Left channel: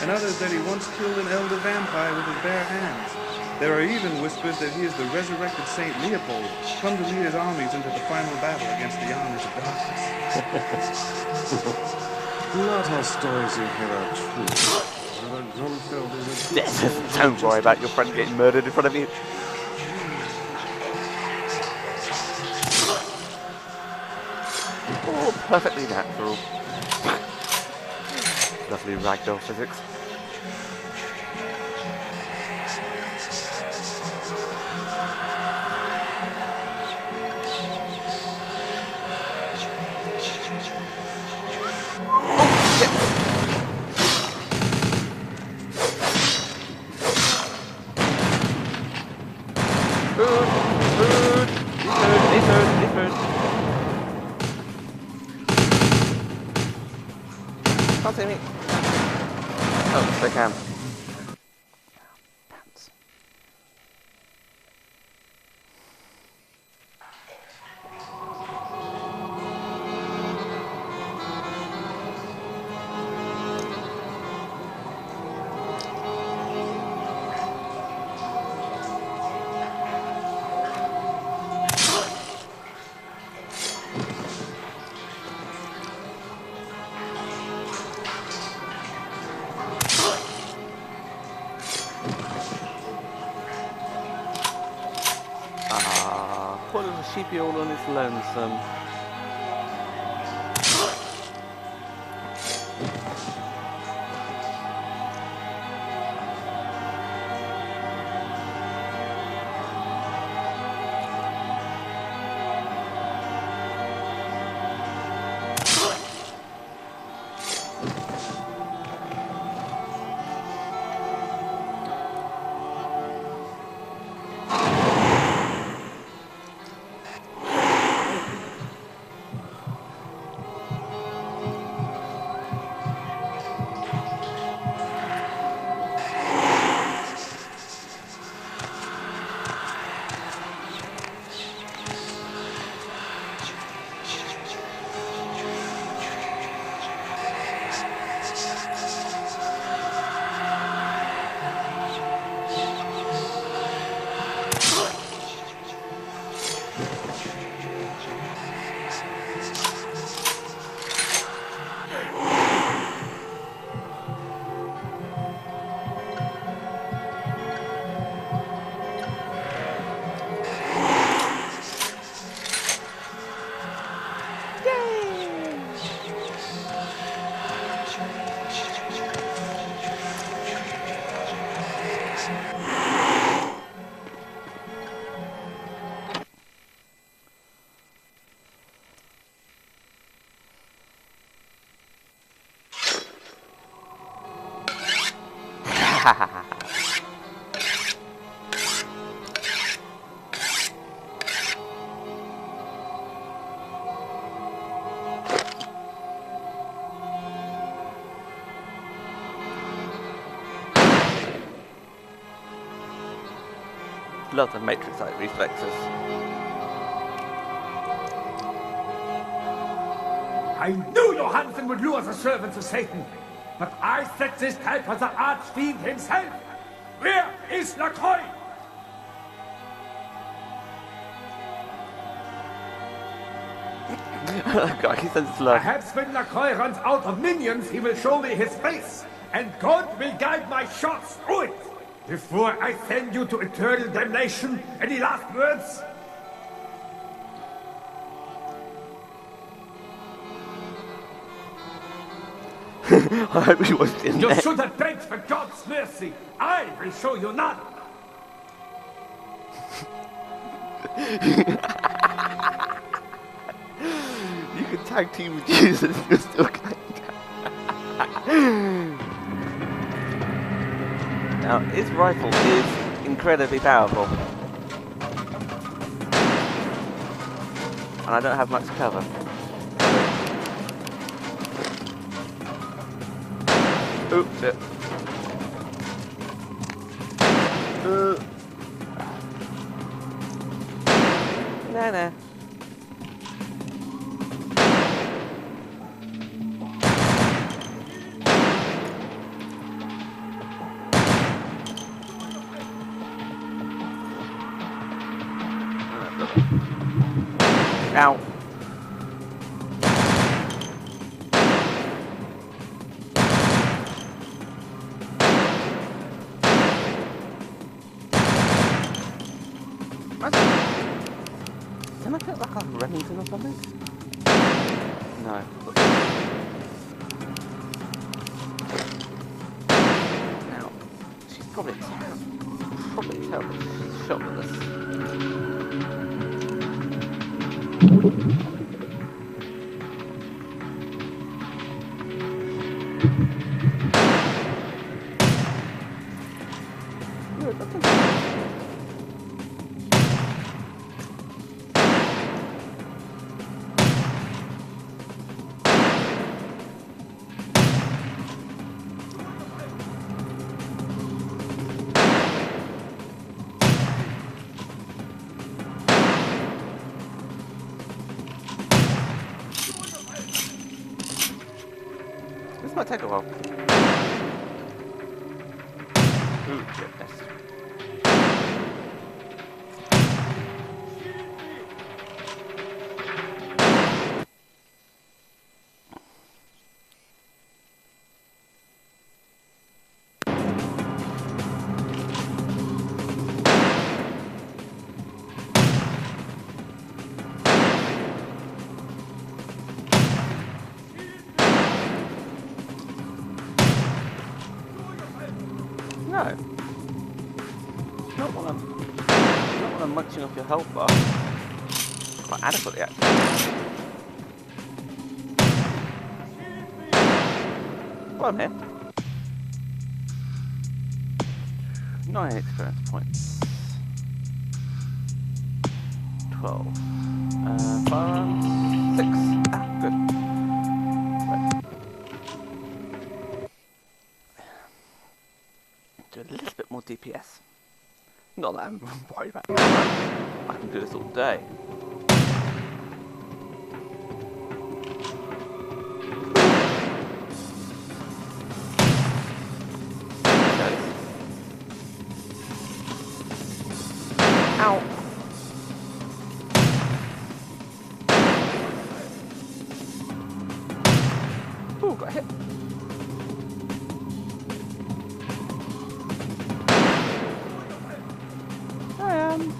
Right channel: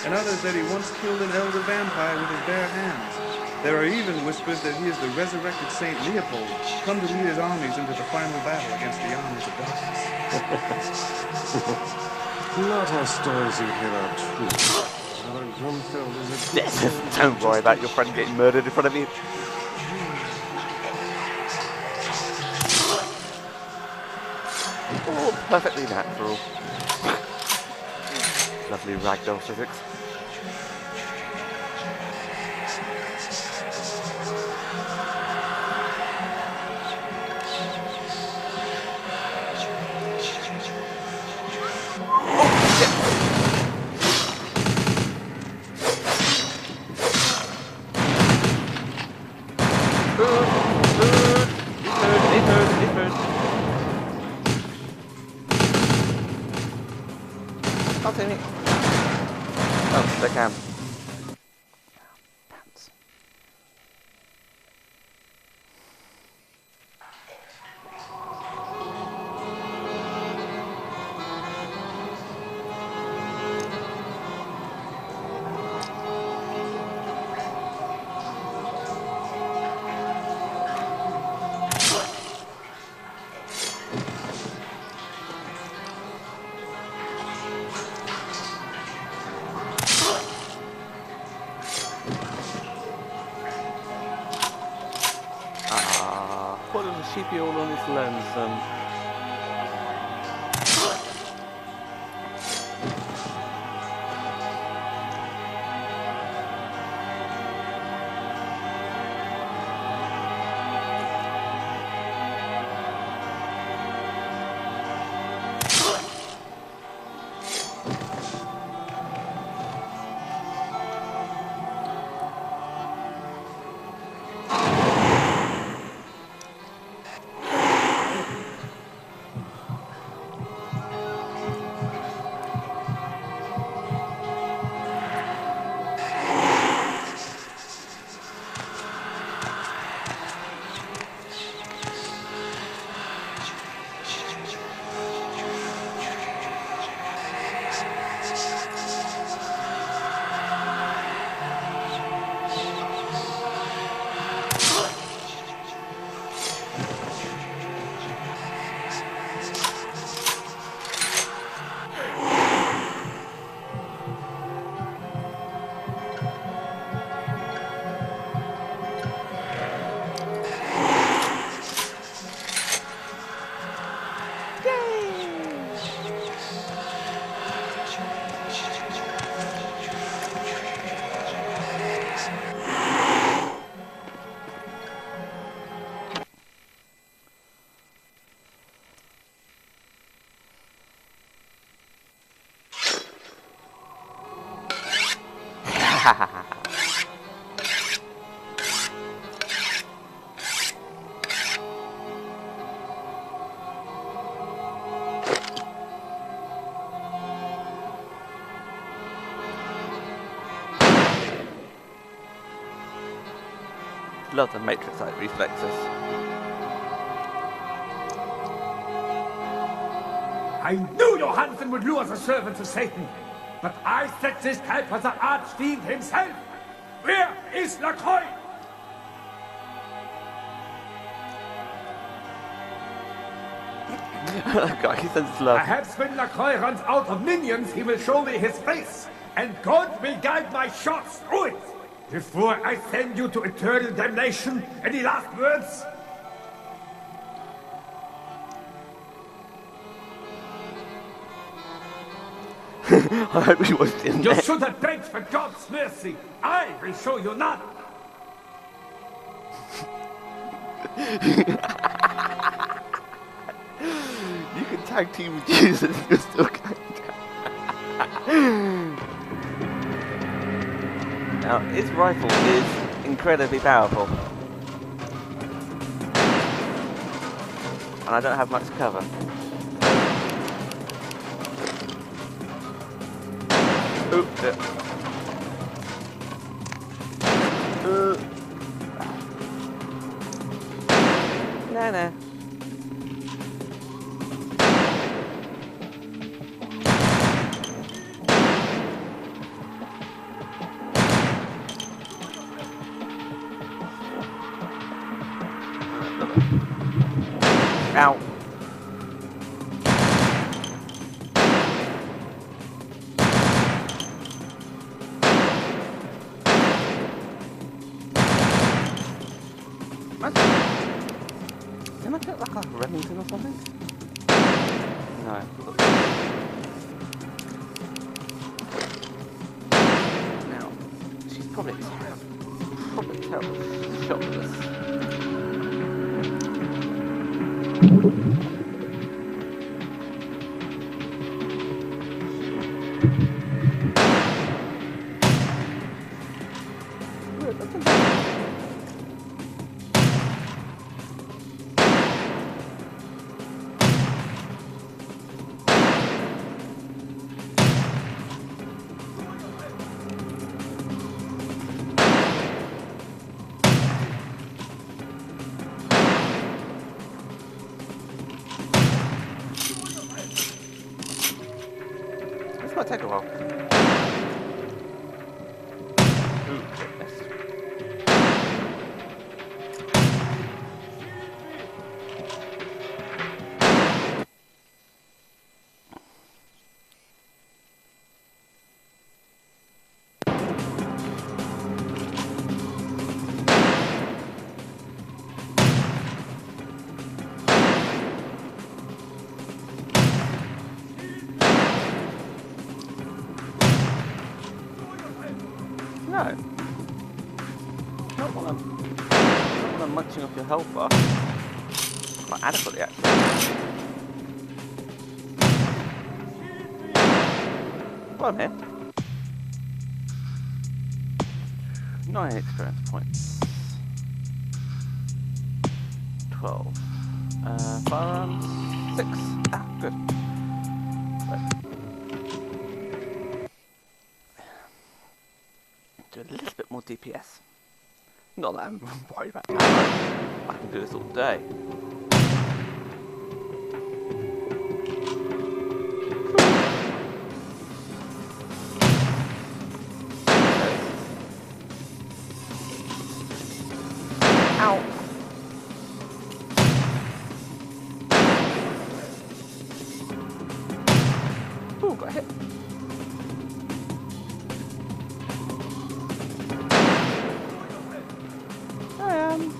and others that he once killed an elder vampire with his bare hands. There are even whispers that he is the resurrected Saint Leopold, come to lead his armies into the final battle against the armies of darkness. Not all stories you hear are true. Don't worry about your friend getting murdered in front of you. Oh, perfectly natural. Lovely ragdoll physics. Can't see me. Oh, they can. Pants. Poor little sheepy all on its lonesome. Lots of Matrix-like reflexes. I knew Johansen would lure the servant to Satan, but I set this type for the archfiend himself. Where is Lacroix? God, he says it's love. Perhaps when Lacroix runs out of minions, he will show me his face, and God will guide my shots through it. Before I send you to eternal damnation, any last words? I hope he wasn't in You there. should have begged for God's mercy. I will show you none. You can tag team with Jesus and you're still going down. Now, his rifle is incredibly powerful. And I don't have much cover. Oh, shit. No. Ow. Can I get like a Remington or something? No. Now, she's probably a terrible shot with this. This might take a while. Ooh, goodness. No. Not when I'm munching off your health bar. Quite adequately, actually. Well, I'm here. 9 experience points. 12. Firearms. 6. Ah, good. Right. Do a little bit more DPS. Not that I'm worried about ammo. I can do this all day. Ow. Ooh, got hit. I am.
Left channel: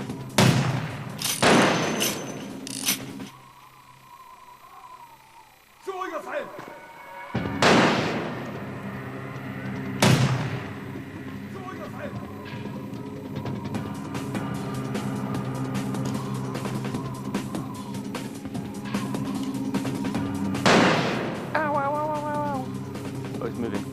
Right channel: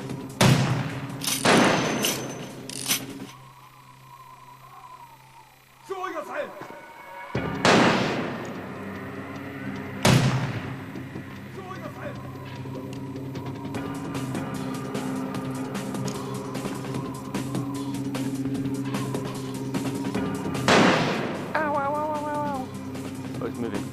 Oh, it's moving.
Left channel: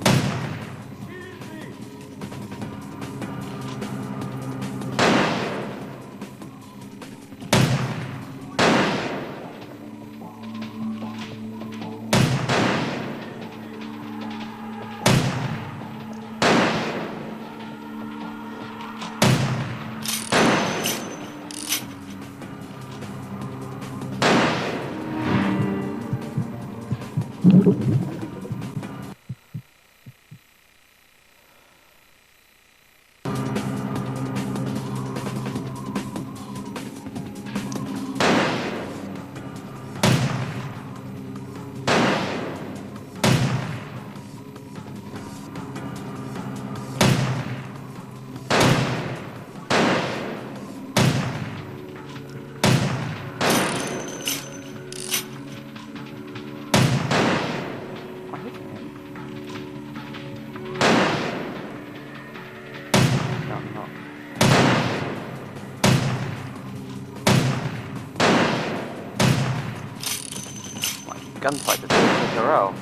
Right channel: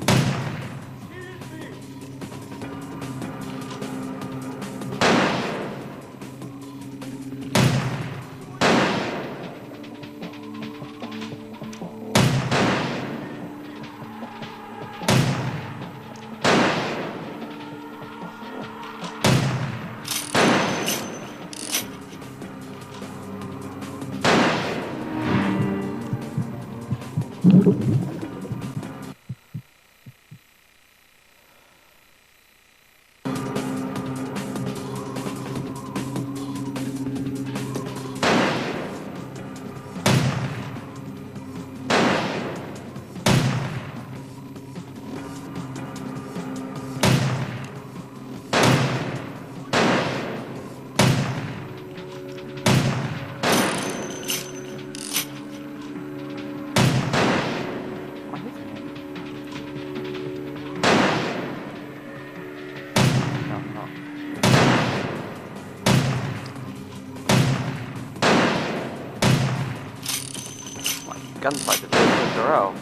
Gunfight to do it with Corral.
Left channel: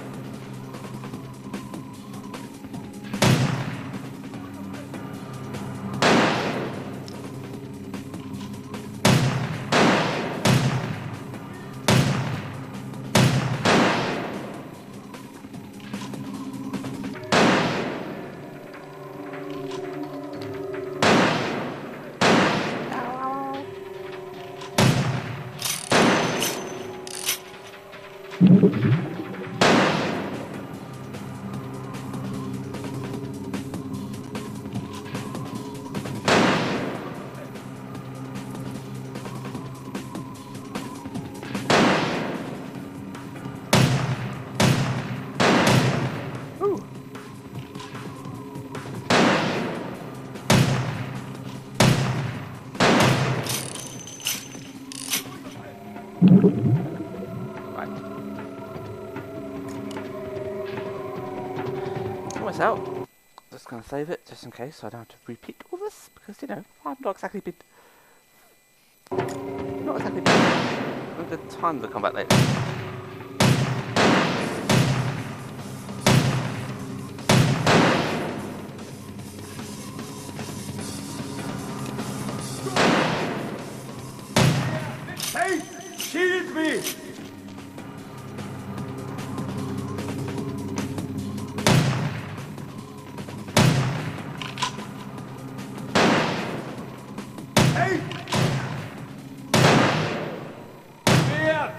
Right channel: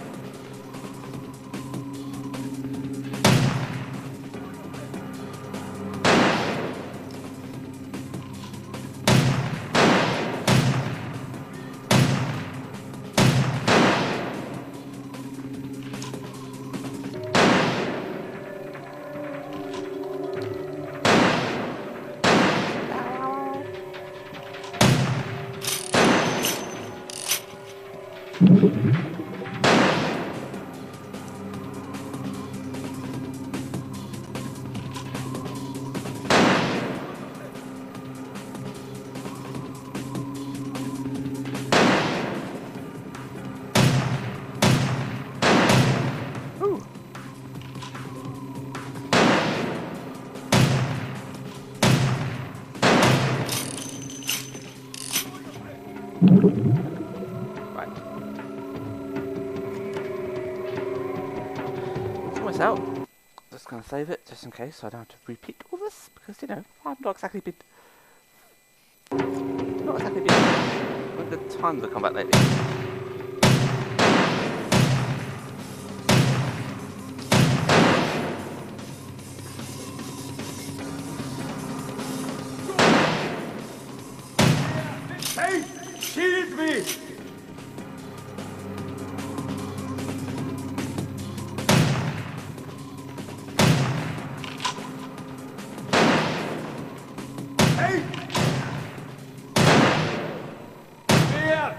Right. Almost out. Just gonna save it just in case so I don't have to repeat all this because you know I've not exactly been a good time to combat lately. Hey, shield me! Hey! Here!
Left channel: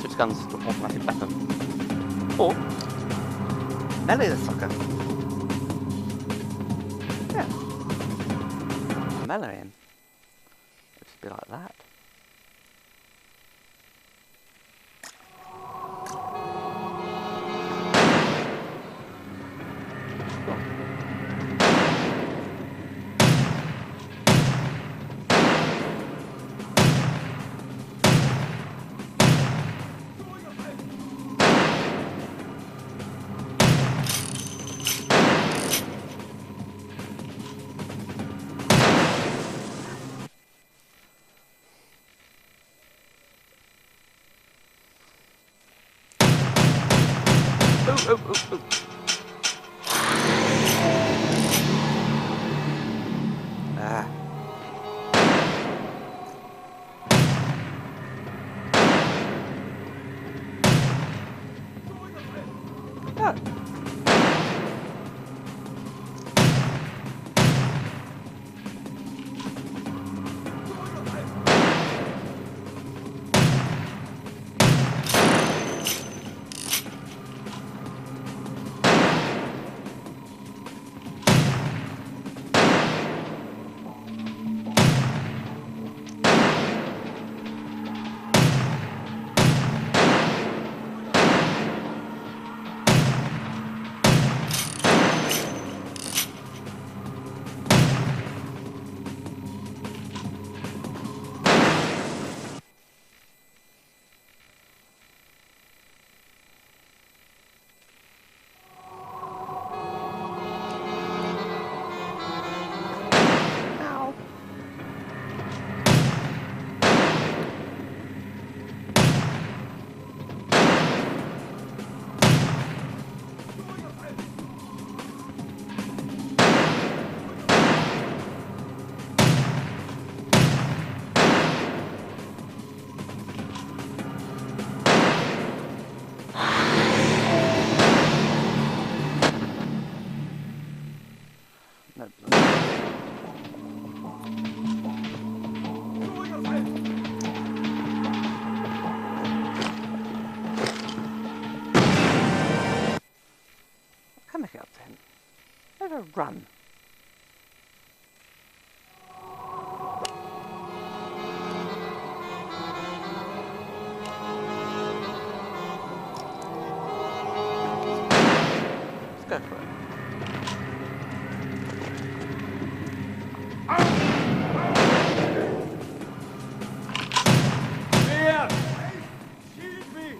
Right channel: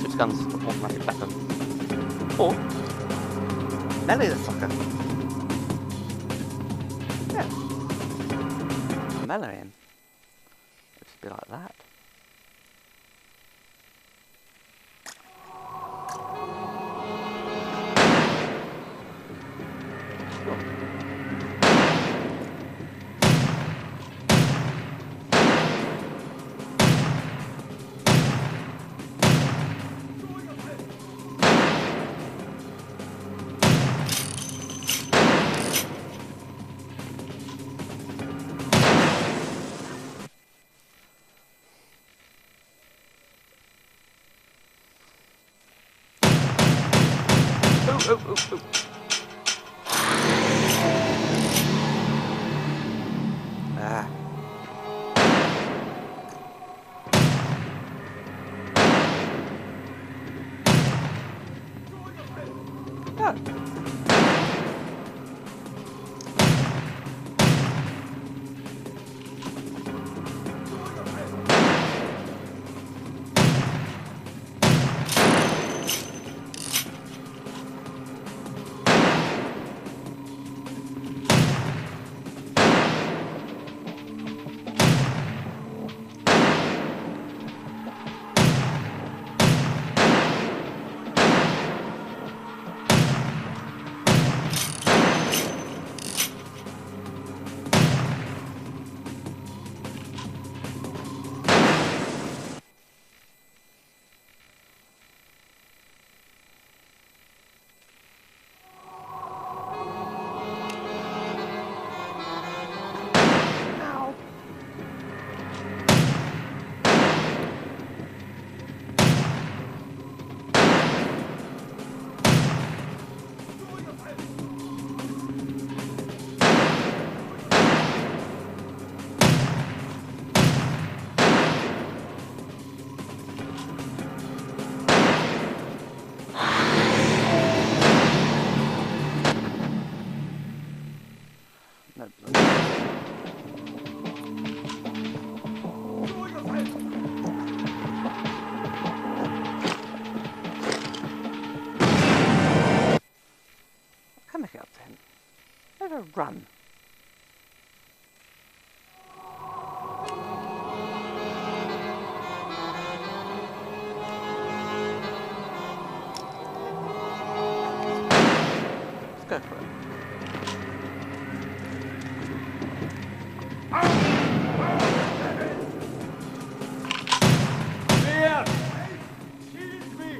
Switch guns to automatic weapon. Or melee the sucker. Yeah. Melee him. It should be like that. Cool. Oh. Ah. Ah. Ow. No. I can make it up to him. Never run. Let's go for it. Here! Shield me!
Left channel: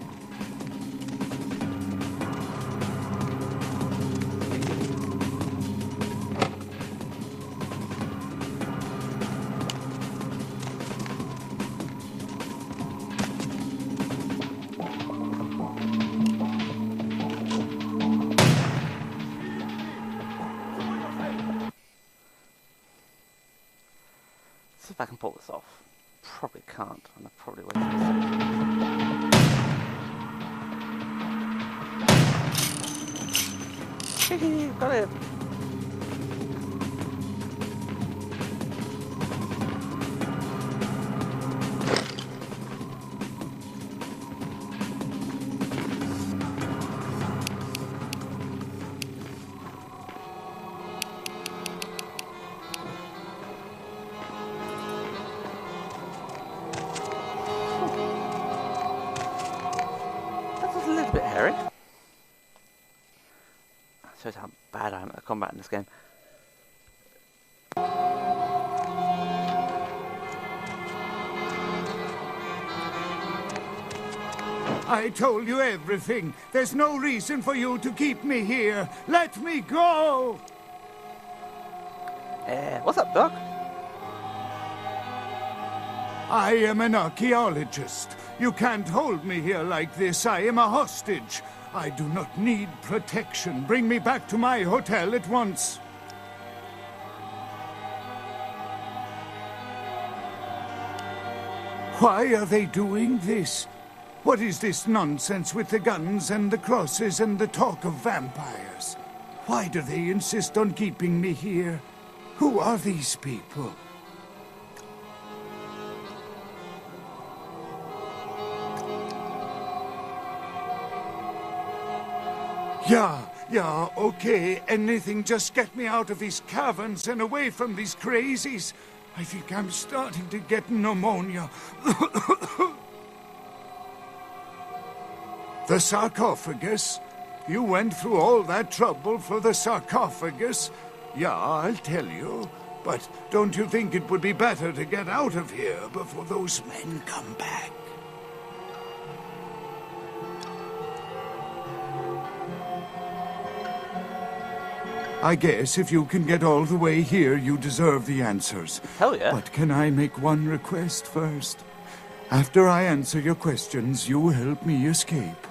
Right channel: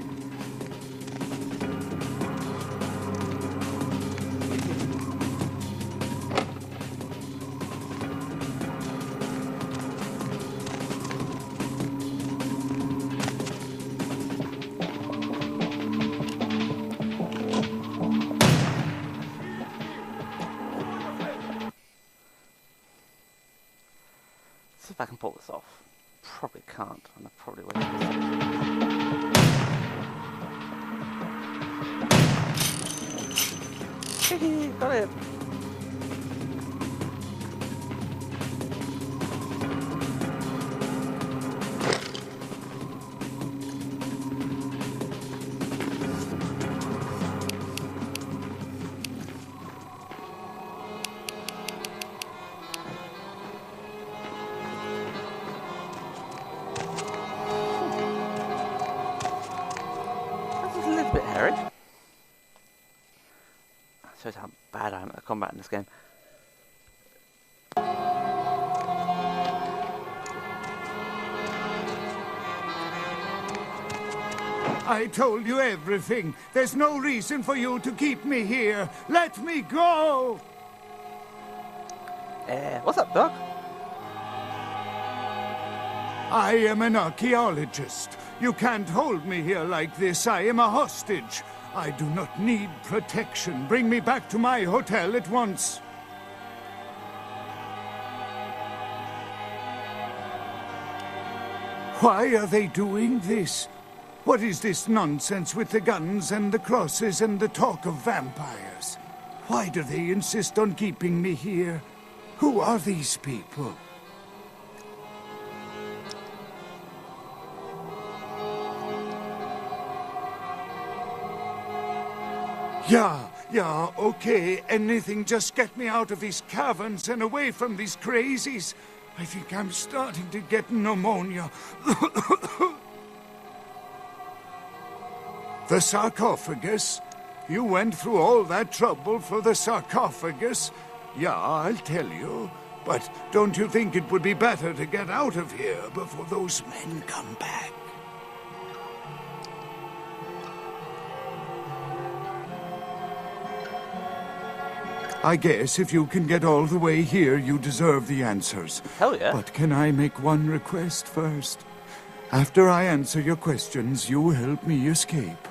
See if I can pull this off. Probably can't, and I probably wasted a second. Got it! just a little bit hairy. That shows how bad I am at combat in this game. I told you everything. There's no reason for you to keep me here. Let me go! What's up, Doc? I am an archaeologist. You can't hold me here like this. I am a hostage. I do not need protection. Bring me back to my hotel at once. Why are they doing this? What is this nonsense with the guns and the crosses and the talk of vampires? Why do they insist on keeping me here? Who are these people? Yeah, okay. Anything, just get me out of these caverns and away from these crazies. I think I'm starting to get pneumonia. The sarcophagus? You went through all that trouble for the sarcophagus? Yeah, I'll tell you. But don't you think it would be better to get out of here before those men come back? I guess if you can get all the way here, you deserve the answers. Hell yeah. But can I make one request first? After I answer your questions, you help me escape.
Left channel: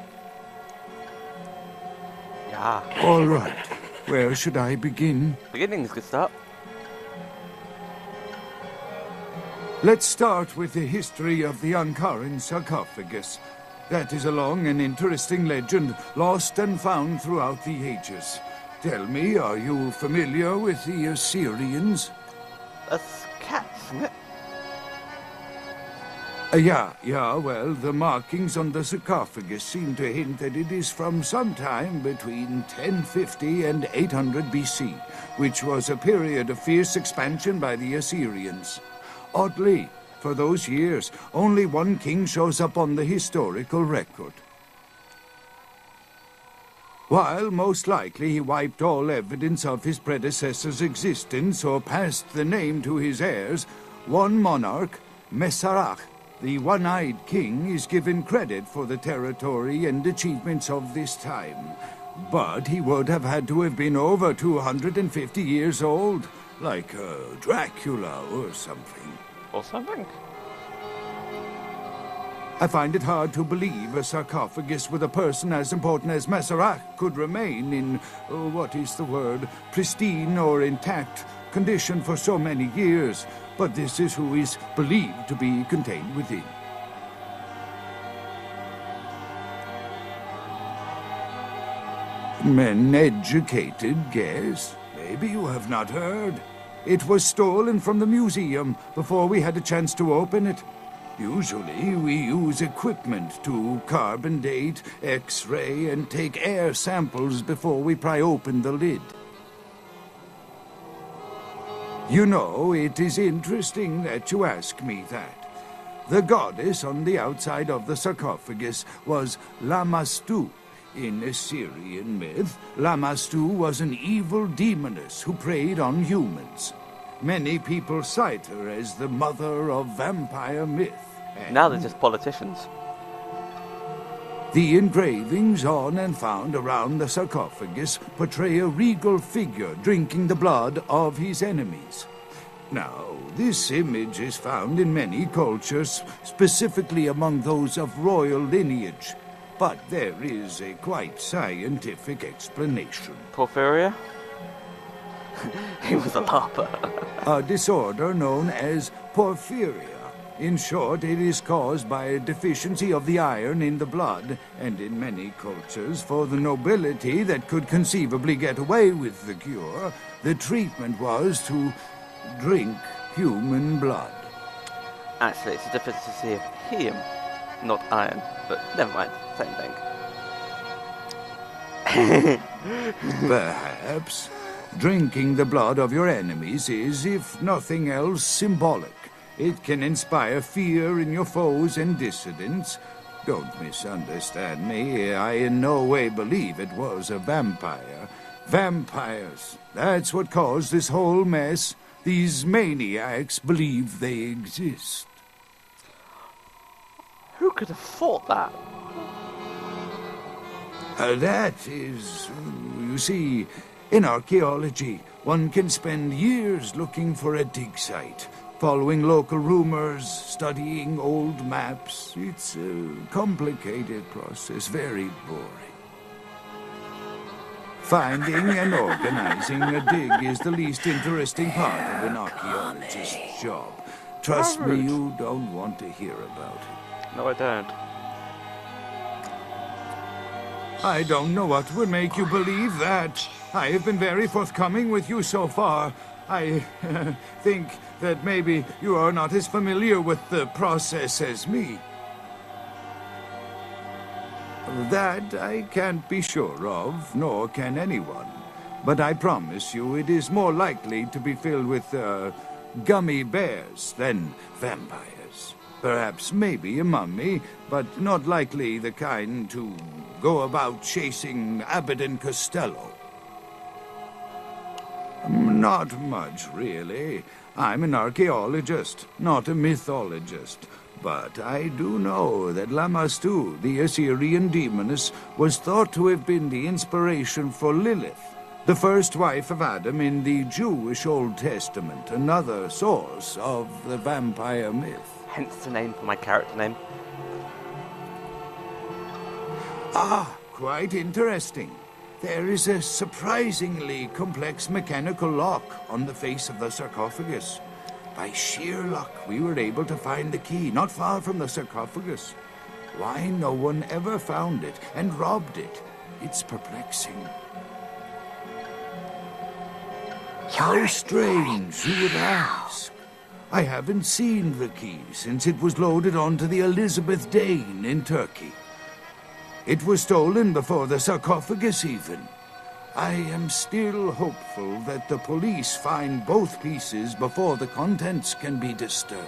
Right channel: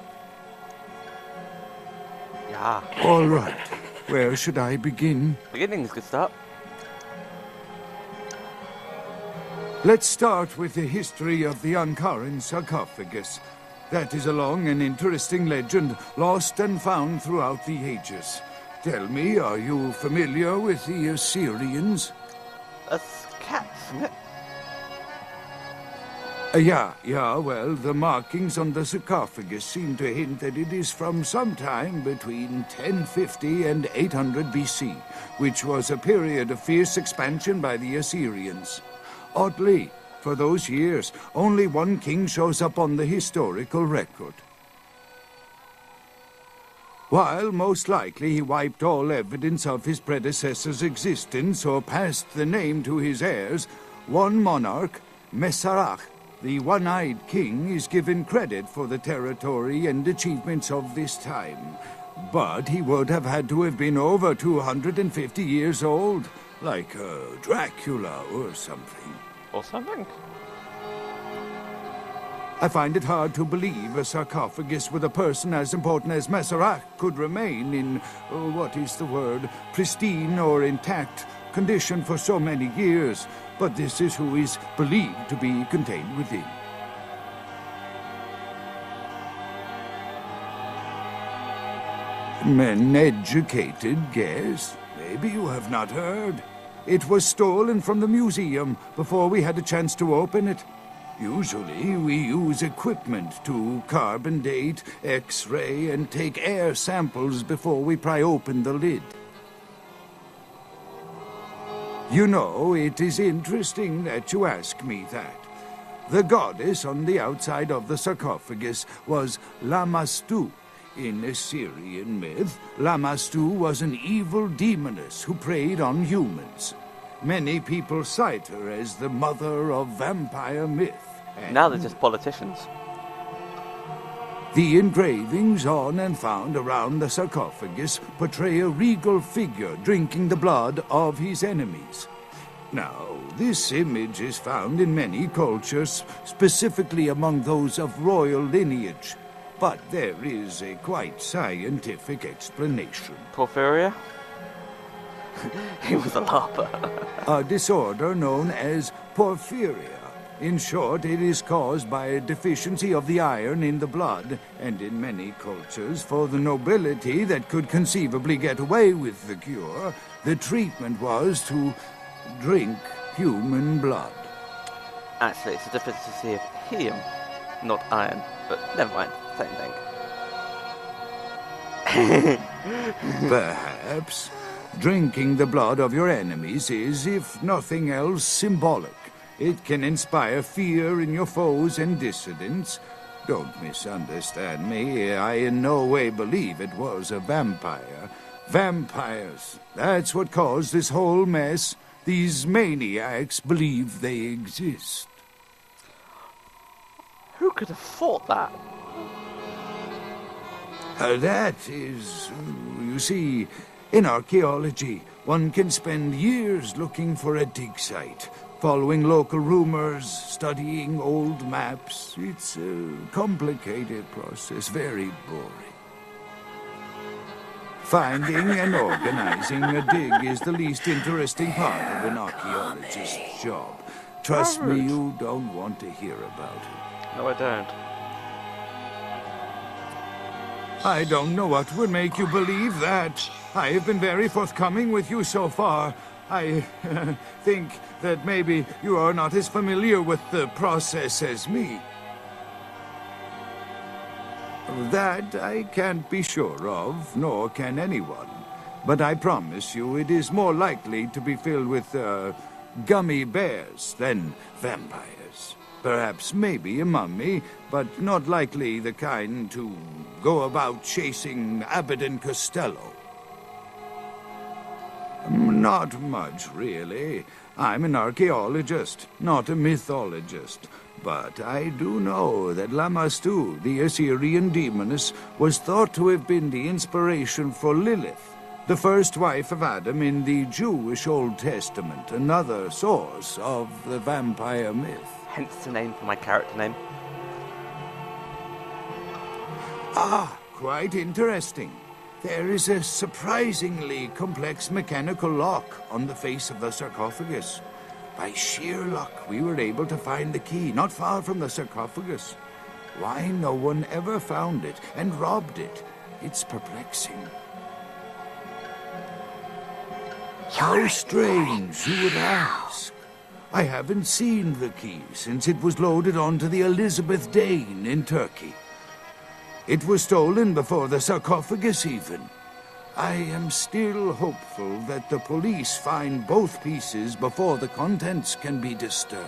Yeah. All right. Where should I begin? Beginning is a good start. Let's start with the history of the Ankaran sarcophagus. That is a long and interesting legend, lost and found throughout the ages. Tell me, are you familiar with the Assyrians? That's cats, isn't it? Yeah, well, the markings on the sarcophagus seem to hint that it is from sometime between 1050 and 800 BC, which was a period of fierce expansion by the Assyrians. Oddly, for those years, only one king shows up on the historical record. While most likely he wiped all evidence of his predecessor's existence or passed the name to his heirs, one monarch, Masquerade, the one-eyed king, is given credit for the territory and achievements of this time. But he would have had to have been over 250 years old, like Dracula or something. Or something. I find it hard to believe a sarcophagus with a person as important as Masquerade could remain in, pristine or intact condition for so many years, but this is who is believed to be contained within. Men educated, guess. Maybe you have not heard. It was stolen from the museum before we had a chance to open it. Usually, we use equipment to carbon date, X-ray, and take air samples before we pry open the lid. You know, it is interesting that you ask me that. The goddess on the outside of the sarcophagus was Lamashtu. In Assyrian myth, Lamashtu was an evil demoness who preyed on humans. Many people cite her as the mother of vampire myth. Now they're just politicians. The engravings on and found around the sarcophagus portray a regal figure drinking the blood of his enemies. Now, this image is found in many cultures, specifically among those of royal lineage. But there is a quite scientific explanation. Porphyria? He was a larper. A disorder known as porphyria. In short, it is caused by a deficiency of the iron in the blood, and in many cultures, for the nobility that could conceivably get away with the cure, the treatment was to drink human blood. Actually, it's a deficiency of helium, not iron. But never mind, same thing. Perhaps. Drinking the blood of your enemies is, if nothing else, symbolic. It can inspire fear in your foes and dissidents. Don't misunderstand me. I in no way believe it was a vampire. Vampires. That's what caused this whole mess. These maniacs believe they exist. Who could have thought that? That is, you see, in archaeology, one can spend years looking for a dig site, following local rumors, studying old maps. It's a complicated process, very boring. Finding and organizing a dig is the least interesting part of an archaeologist's job. Trust me, you don't want to hear about it. No, I don't. I don't know what would make you believe that. I have been very forthcoming with you so far. I think that maybe you are not as familiar with the process as me. That I can't be sure of, nor can anyone. But I promise you it is more likely to be filled with, gummy bears than vampires. Perhaps maybe a mummy, but not likely the kind to go about chasing Abbott and Costello. Not much, really. I'm an archaeologist, not a mythologist. But I do know that Lamastu, the Assyrian demoness, was thought to have been the inspiration for Lilith, the first wife of Adam in the Jewish Old Testament, another source of the vampire myth. Hence the name for my character name. Ah, quite interesting. There is a surprisingly complex mechanical lock on the face of the sarcophagus. By sheer luck, we were able to find the key not far from the sarcophagus. Why no one ever found it and robbed it? It's perplexing. How strange, you would ask. I haven't seen the key since it was loaded onto the Elizabeth Dane in Turkey. It was stolen before the sarcophagus even. I am still hopeful that the police find both pieces before the contents can be disturbed.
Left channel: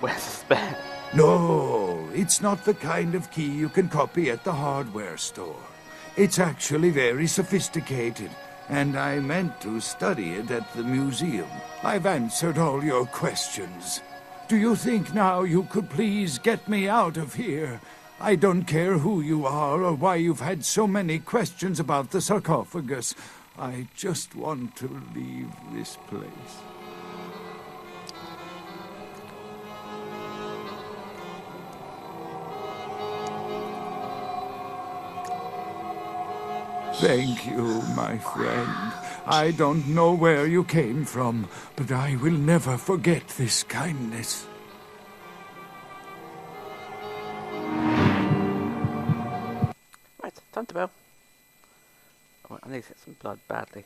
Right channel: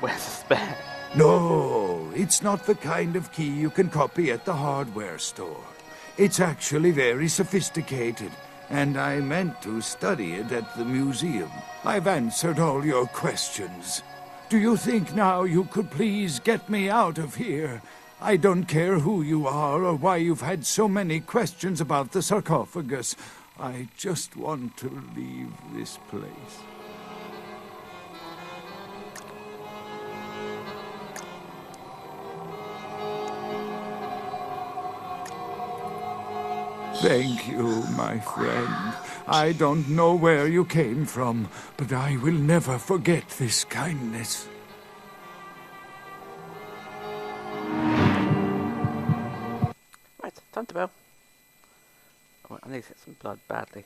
Where's the spare? No, it's not the kind of key you can copy at the hardware store. It's actually very sophisticated, and I meant to study it at the museum. I've answered all your questions. Do you think now you could please get me out of here? I don't care who you are or why you've had so many questions about the sarcophagus. I just want to leave this place. Thank you, my friend. I don't know where you came from, but I will never forget this kindness. Right, time to go. Oh, I need to get some blood badly.